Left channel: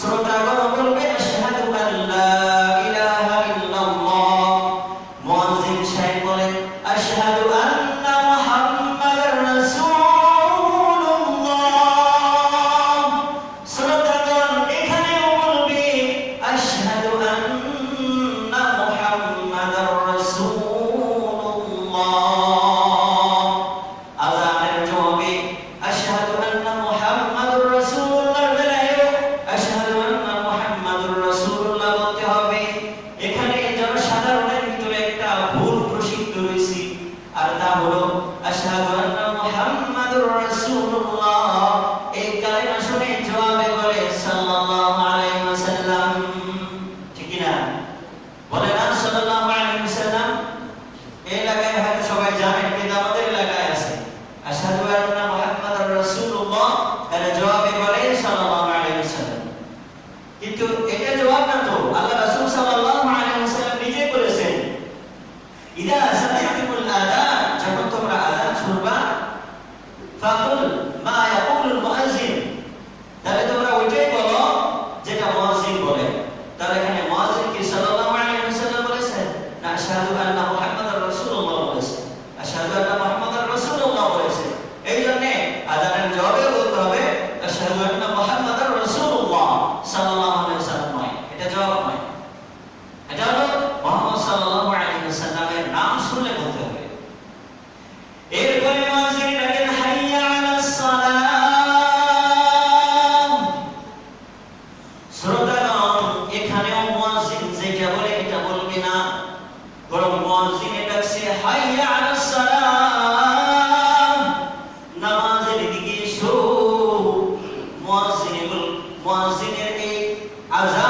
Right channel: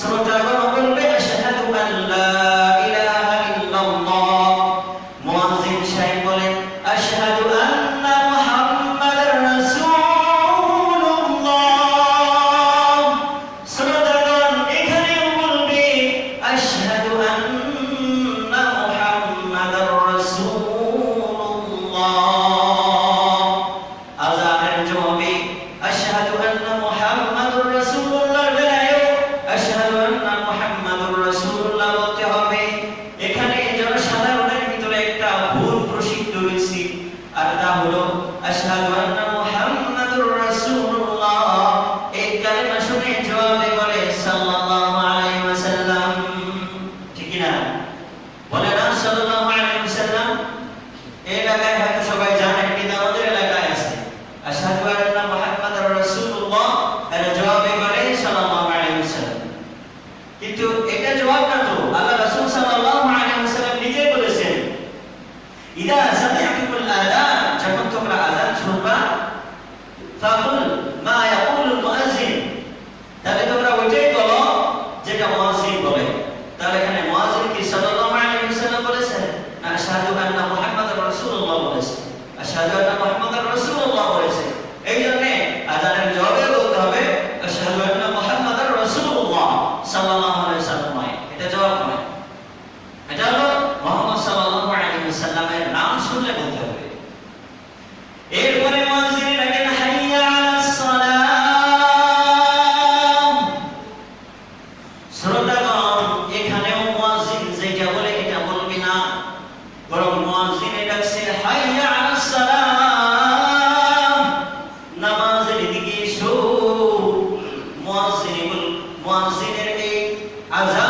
শ্রোতাগণ বলবে আশহাদু আল্লা ইলাহা ইল্লাল্লাহ। মুয়াজ্জিন সাহেব বলেন আশহাদু আন্না মুহাম্মাদার রাসূলুল্লাহ। শ্রোতাগণ এখানেও বলবে আশহাদু আন্না মুহাম্মাদার রাসূলুল্লাহ। আযানের জবাবে আশহাদু আন্না মুহাম্মাদুর রাসূলুল্লাহ বেলায়ও আশহাদু আন্না মুহাম্মাদুর রাসূলুল্লাহ বলতে হবে। এখানে জনসাধারণের ভিতরে একটা ভুল প্রসিদ্ধ হয়েছে, আর তা হলো আশহাদু আন্না মুহাম্মাদুর রাসূলুল্লাহ এই কালেমা শুনে জবাবে বলে সাল্লাল্লাহু আলাইহি ওয়াসাল্লাম। ঠিক কি না? বলে না সাল্লাল্লাহু আলাইহি ওয়াসাল্লাম? এই এলাকায় হয়তো সবাই জানেন, কিন্তু আমাদের এলাকায় আছে আশহাদু আন্না মুহাম্মাদুর রাসূলুল্লাহ, এর জবাবে বলে সাল্লাল্লাহু আলাইহি ওয়াসাল্লাম। কিন্তু এটা জবাব না তো, আল্লাহ রাসূল সাল্লাল্লাহু আলাইহি ওয়াসাল্লাম নিজে বলেছেন ইদা সামি'তুমুল আযান, যখন তোমরা আযান শুনবা, ফাকুল মা ইয়াকুলুল মুয়াজ্জিন, তাহলে তোমরা ওইটাই বলো যেটা মুয়াজ্জিন বলে। তাহলে এখানে মুয়াজ্জিন কি সাল্লাল্লাহু আলাইহি ওয়াসাল্লাম বলেছেন, না আশহাদু আন্না মুহাম্মাদার রাসূলুল্লাহ বলেছেন? আশহাদু আন্না মুহাম্মাদার রাসূলুল্লাহ বলেছেন। এইজন্য আযানের জবাবে বলতে হবে আশহাদু আন্না মুহাম্মাদার রাসূলুল্লাহ সাল্লাল্লাহু আলাইহি ওয়াসাল্লাম। এটা জবাব নয়, এটা হলো মুহাম্মদ সাল্লাল্লাহু আলাইহি ওয়াসাল্লামের নাম শুনলে বলতে হবে। এরপরে মুয়াজ্জিন ডাকেন হাইয়া আলাস সালাম। শ্রোতাগণ এখানেও মুয়াজ্জিন যেটা বলে এটা বলবে না, বরং মুয়াজ্জিন ডাকছে হাইয়া আলাস সালাম, নামাজের দিকে এসো। মুয়াজ্জিনের এই আযান